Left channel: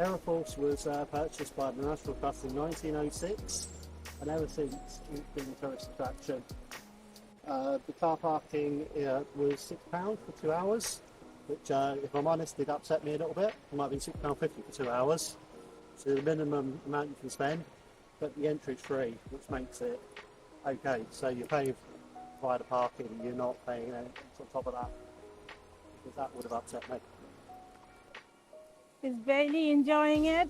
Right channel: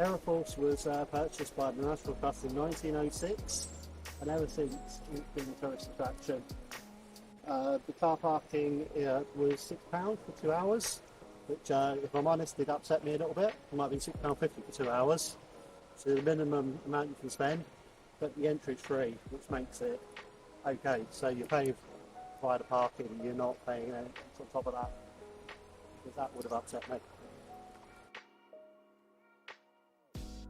Aira Force was purchased by the National Trust in 1906, and ever since it's been a tourist attraction. The car parking was £6 for 2 hours, which, if I'm honest, did upset me a little bit. It might have been £6.50 for 2 hours, so the minimum amount you can spend, but the entry is free, which makes it okay. So you're paying via the parking, you're not paying anything on top of that, because that would have upset me. Is Bailey enjoying it?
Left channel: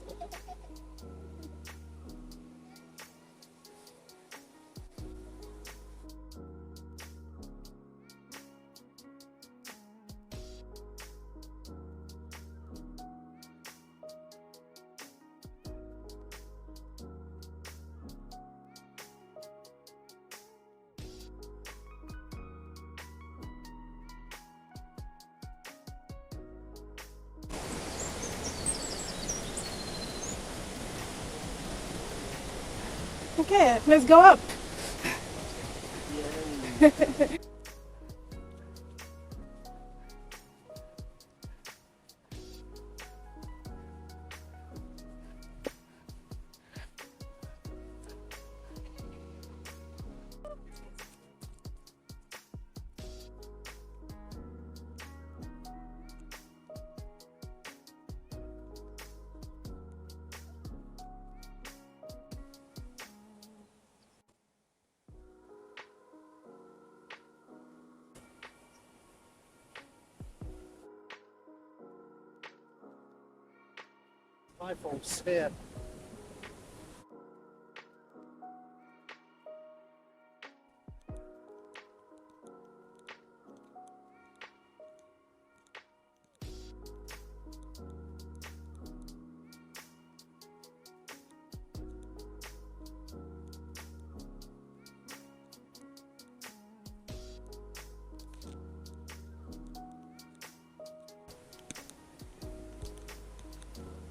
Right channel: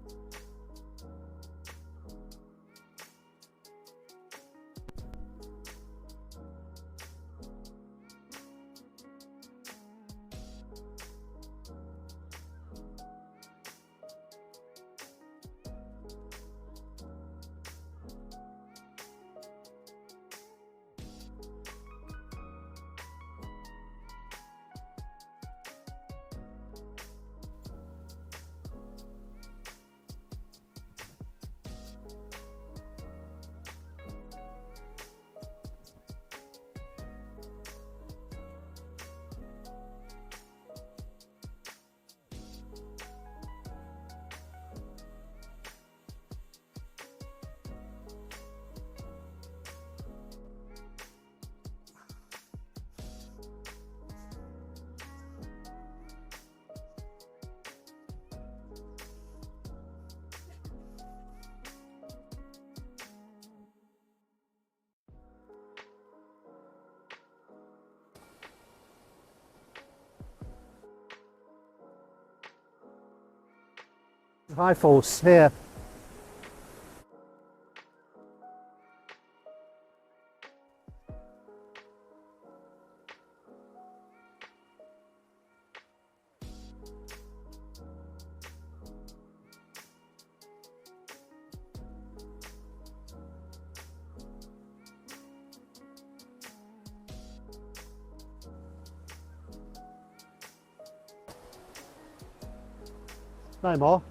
Okay, let's go up. Hi, Force, here. No more.